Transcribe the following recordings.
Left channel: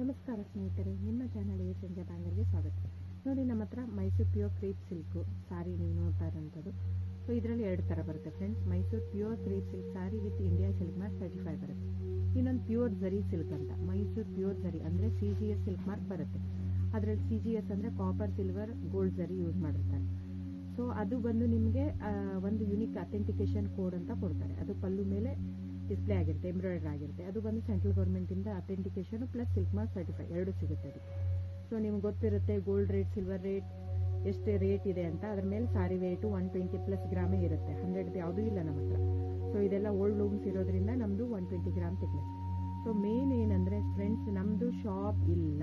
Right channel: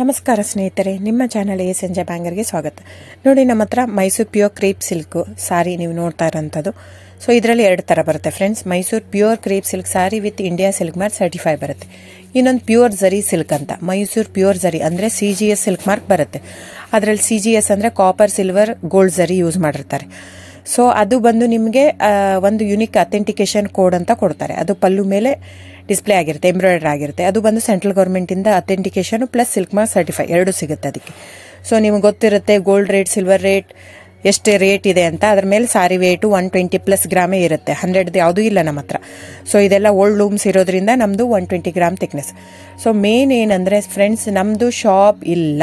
ನಮಸ್ಕಾರ ಸ್ನೇಹಿತರೆ, ನಿಮ್ಮ ಚಾನಲ್ ಸಂಜೆ ಬ್ಯಾಂಗರ್ಗೆ ಸ್ವಾಗತ. ನೋಡಿ, ನಮ್ಮ ಹತ್ರ ಮೈಸೂರು ಪ್ಯೂರ್ ಕ್ರೇಪ್ ಸಿಲ್ಕ್ ಸಾರಿ ನೀವು ನೋಡ್ತಾ ಇರೋಂಥದ್ದು. ಸೊ ಇದರಲ್ಲಿ ಎರಡು ಥರ ಬರುತ್ತೆ friends. Mysuru pure crepe silk sorry with India silk mark certify ಬರುತ್ತೆ. ಇನ್ನೊಂದು ಪ್ಯೂರ್ ಝರಿ ಸಿಲ್ಕ್ ಅಂತ, ಮೈಸೂರು ಪ್ಯೂರ್ ಝರಿ ಅಂದರೆ CGS ಸಿಲ್ಕ್ ಮಾರ್ಕ್ ಬರುತ್ತೆ. ಅದರಲ್ಲಿ CGS ಅಂದರೆ ಕಾಪರ್, ಸಿಲ್ವರ್, ಗೋಲ್ಡ್ ಝರಿ ಯೂಸ್ ಮಾಡಿರ್ತಾರೆ. ಸೊ ಅದು ಬಂದು ನಿಮಗೆ ಒಂದು ಯುನಿಕ್ ಅಥೆಂಟಿಕೇಶನ್ ಕೋಡ್ ಅಂತ ಕೊಡ್ತಾರೆ. ಅದು ಪಲ್ಲು ಮೇಲೆ ಡಿಸ್ಪ್ಲೇ ಆಗಿರುತ್ತೆ, ಎಂಬ್ರಾಯ್ಡರ್ ಆಗಿರುತ್ತೆ. ಅದು ಬಂದು ಸೆಂಟ್ರಲ್ ಗೌರ್ಮೆಂಟಿಂದ authentication plus silk mark certify ಎರಡು ಸಿಗುತ್ತೆ ಅದಕ್ಕೆ. ಸೊ ನಿಮ್ಗೆ ಗೊತ್ತಿರುತ್ತೆ ಗೋಲ್ಡ್ ರೇಟ್, ಸಿಲ್ವರ್ ರೇಟ್ ಎಷ್ಟು ರೇಟ್ ಇದೆ ಅಂತ. ಅದ್ರ ಮೇಲೆ ಸಾರಿ ವೇಟು 120+ ಗ್ರಾಮೇ ಇರುತ್ತೆ, 100 ಯಾವುದೂ ಇಲ್ಲ ನಮ್ಮ ಹತ್ರ. ಸೊ ಇದೆಲ್ಲ ಓಲ್ಡ್ ಲೂಮ್ಸ್ ಇರೋದ್ರಿಂದ ನಮ್ಮದು 120 ಗ್ರಾಮ್ ಥಿಕ್ನೆಸ್. ಸೊ ಮೇನ್ ಏನಂದರೆ ಫ್ರೆಂಡ್ಸ್, ನಮ್ಮದು ಶಾಪ್ ಇಲ್ಲ,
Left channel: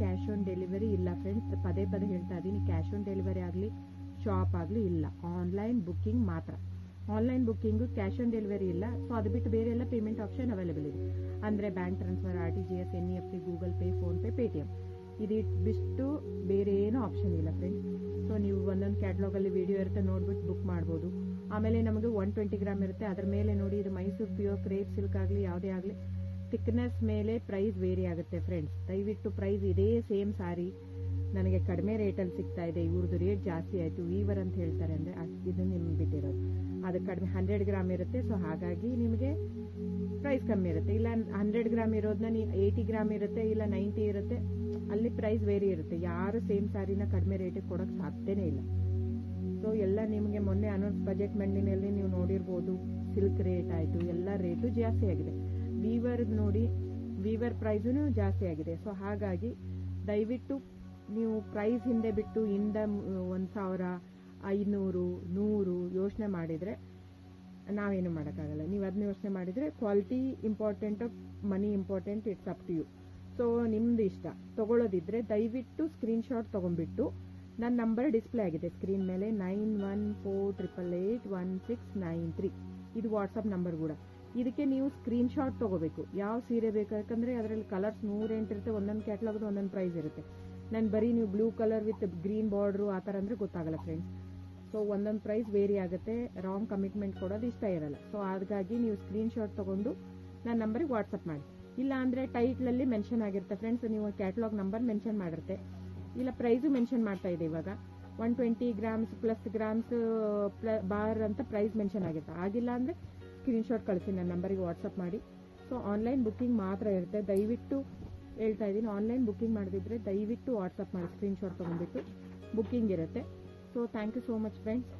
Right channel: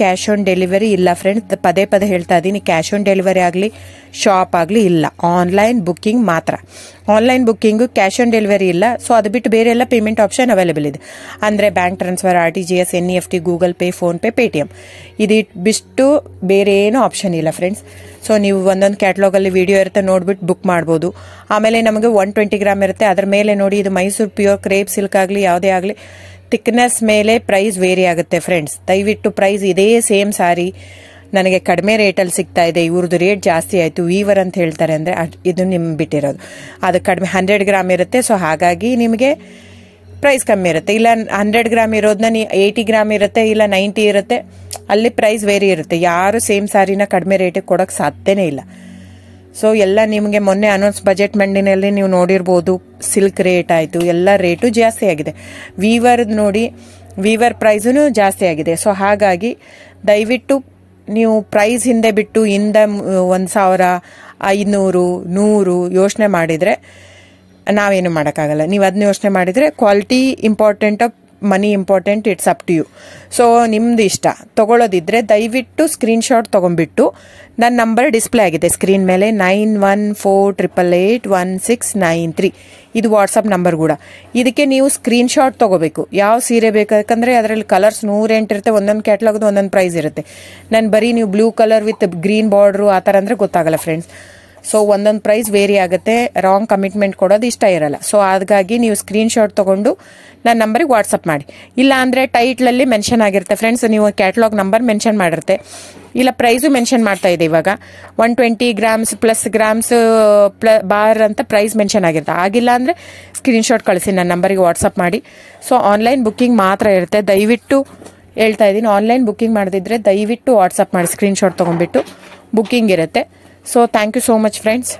ಕ್ಯಾಶ್ ಆನ್ ಡೆಲಿವರಿ ಇಲ್ಲ ಫ್ರೆಂಡ್ಸ್. ಪದೇ ಪದೇ ಹೇಳ್ತಾ ಇದ್ದೀನಿ, ಕ್ಯಾಶ್ ಆನ್ ಡೆಲಿವರಿ ಆಗಲಿ ಶಾಪ್ ಆಗಲಿ ಇಲ್ಲ, ಆನ್ಲೈನ್ ಬುಕ್ಕಿಂಗ್ ಮಾತ್ರ. Online booking, cash on delivery ಇಲ್ಲ. ಸೊ ಅದು ಬಿಟ್ಟು ಬೇರೆ ಎಲ್ಲ ಪೇಮೆಂಟ್ ಆಪ್ಷನ್ ಅವೈಲೇಬಲ್ ಇದೆ. ಅಂದರೆ bank transfer, RTGS, NEFT, Google pay, PhonePe, Paytm. ಇದು ಬಿಟ್ಟು ಬೇರೆ ಏನೂ ಆಪ್ಷನ್ ಇಲ್ಲ ಫ್ರೆಂಡ್ಸ್. ಸೊ ನೀವು ಒಂದೊಂದು ಕ್ಯಾಟ್ಲಾಗಲ್ಲಿ ವಿಡಿಯೋ ಇರುತ್ತೆ, ನೋಡ್ಬಿಟ್ಟು ಬುಕ್ ಮಾಡ್ಬೋದು. ಆಮೇಲೆ ನಮಗೆ 120 ಗ್ರಾಮ್ ಇರುತ್ತೆ. ಅದ್ರ ಮೇಲೆ ನೋಡಿ, ಇದು ಮೈಸೂರು ಪ್ಯೂರ್ ಕ್ರೇಪ್ ಸಿಲ್ಕ್ ಆಗಲಿ ಯಾವುದೇ ಆಗಲಿ ಥಿಕ್ನೆಸ್ ಮೇಲೆ ಪ್ರೈಸ್ ವೇರಿ ಆಗುತ್ತೆ ಫ್ರೆಂಡ್ಸ್. ದಯವಿಟ್ಟು ಪ್ರೈಸ್ ಇದೇ ಸೇಮ್ ಸಾರಿ ನನಗೆ ಕಡಿಮೆ ರೇಟಲ್ಲಿ ಸಿಗ್ತಾ ಇದೆ, ಇವ್ರದ್ದು ರೇಟ್ ಜಾಸ್ತಿ ಆಯಿತು ವೀವರ್ ಅಂತ ಹೇಳ್ತಾರೆ ಅಂದರೆ ಇದು ನಿಮ್ಗೆ ಬಿಟ್ಟಿರೋದು. ಅದು ಕಡಿಮೆ 100 ಗ್ರಾಮ್ ಇರುತ್ತೆ. ಸೊ ಹಾಗಾಗಿ ನಿಮಗೆ ಪ್ರೈಸ್ ಕಮ್ಮಿ ಇರುತ್ತೆ. ಇಲ್ಲ 100 ಗ್ರಾಮ್ ಇರೋದನ್ನ 80 ಗ್ರಾಮ್ ಇರುತ್ತೆ, ಇಲ್ಲ 90 ಇರುತ್ತೆ, ಅಲ್ಲಿ ಪ್ರೈಸ್ ವೇರಿ ಇರುತ್ತೆ. ಯಾರು ಸೇಮ್ ಸಾರಿನ ಕಡಿಮೆ ರೇಟಿಗೆ ಕೊಡೋಕ್ಕೆ ಸಾಧ್ಯನೇ ಇಲ್ಲ. ಸೊ ಎಲ್ಲ ನಿಮಗೆ ಮೊನ್ನೆ ಅನೌನ್ಸ್ ಬಜೆಟ್ ಮಂಡಿನಲ್ಲಿ ನೀವು ನೋಡಿರ್ಬೋದು, ಸಿಲ್ಕ್ ರೇಟ್ ಆಯಿತು, ಎಲ್ಲ ರೇಟು ಜಾಸ್ತಿ ಆಗಿದೆ. ವೀವರ್ದು ನೋಡಿ, ವೀವರ್ ಪ್ರೈಸೂ ಜಾಸ್ತಿ ಆಗಿದೆ. ಸೊ ಹಾಗಾಗಿ ದಯವಿಟ್ಟು ನೀವು ಪ್ರೈಸ್ ಹಿಂದೆ ಬಿಟ್ಟು 1,000, 500, 100 ಯೋಚನೆ ಮಾಡಿದರೆ ನಾವೇನು ಮಾಡೋಕ್ಕಾಗಲ್ಲ. ನೀವು ಅದನ್ನ ಯೋಚನೆ ಮಾಡಿದರೆ quality important, money important, it's up to you. So ನಿಮ್ಮದು ಇಷ್ಟ. ತೊಗೊಳ್ಳೋದಿದ್ರೆ ದಯವಿಟ್ಟು ಸ್ಕ್ರೀನ್ಶಾಟ್ ತೊಗೊಂಡ್ಬಿಟ್ಟು, ನನ್ನ ನಂಬರ್ ಡಿಸ್ಪ್ಲೇ ಆಗಿದೆ ಸ್ಕ್ರೀನ್ ಮೇಲೆ, 9148881693. ಇದು ವಾಟ್ಸಪ್ ನಂಬರ್ ಕೂಡ. ಇದಕ್ಕೆ ನೀವು ಸ್ಕ್ರೀನ್ಶಾಟ್ ತೊಗೋಬೇಕು. ಯಾವ ಸೀರೆ ಬೇಕಂದ್ರೆ ಅದರಲ್ಲಿ ಕಲರ್ಸ್ 108 ಇರುತ್ತೆ, ಒಂದೊಂದು ಕ್ಯಾಟ್ಲಾಗ್ದು ಒಂದೊಂದು ಪ್ರೈಸ್ ಇರುತ್ತೆ. ನಾನು ಬರೀ ನೀವು blue colour with green border ಆ ಥರ ಅಂದರೆ ಗೊತ್ತಾಗಲ್ಲ ಫ್ರೆಂಡ್ಸ್. ಸೊ ಒಂದೊಂದು ಪ್ರೈಸ್ ವೇರಿ ಆಗುತ್ತೆ, ರಾಂಗ್ ಕಮಿಟ್ಮೆಂಟ್ ಕೊಡೋದು ಇಷ್ಟ ಇರಲ್ಲ. ಸೊ ಹಾಗಾಗಿ ನೀವು ಸ್ಕ್ರೀನ್ಶಾಟ್ ತೊಗೊಂಡು ನನ್ನ ನಂಬರಿಗೆ ವಾಟ್ಸಪ್ ಮಾಡಿ. ಇಲ್ಲ ಅಂದರೆ ಟೈಟ್ಲಲ್ಲಿ ಮೆನ್ಷನ್ ಆಗಿರುತ್ತೆ ಫ್ರೆಂಡ್ಸ್, ನೀವು ಕ್ಯಾಟ್ಲಾಗ್ ನಂಬರ್ ಮೆನ್ಷನ್ ಮಾಡಿರುತ್ತೆ, ಇಲ್ಲ ಪ್ರೈಸು ಮೆನ್ಷನ್ ಮಾಡ್ತಾ ಇದೆ. ಇವಾಗ 120 ಗ್ರಾಮ್ಸ್ ಪ್ಲಸ್ ಗ್ರಾಮ್ಸ್ ಬಾರ್ ಅಂತ ಪ್ರೈಸ್ ಮೆನ್ಷನ್ ಆಗಿರುತ್ತೆ. ಆಗಿಲ್ಲ ಅಂದರೆ ಸ್ಕ್ರೀನ್ಶಾಟ್ ಕಳಿಸಿ, ನನ್ನ ನಂಬರಿಗೆ ವಾಟ್ಸಪ್ ಮಾಡಿ. ಸೊ ಆನ್ಲೈನ್ ಬುಕ್ಕಿಂಗ್ ಮಾತ್ರ ಇರುತ್ತೆ. ದಯವಿಟ್ಟು ಹೇಳ್ತಾ ಇದ್ದೀನಿ, ಆನ್ಲೈನ್ ಬುಕ್ಕಿಂಗ್ ಮಾಡದಿದ್ದರೆ ದಯವಿಟ್ಟು ವಾಟ್ಸಪ್ ಮಾಡಿ, ಸ್ಕ್ರೀನ್ಶಾಟ್ ತೊಗೊಂಡ್ಬಿಟ್ಟು ಬುಕ್ಕಿಂಗ್ ಇರುತ್ತೆ. So thank you so much friends.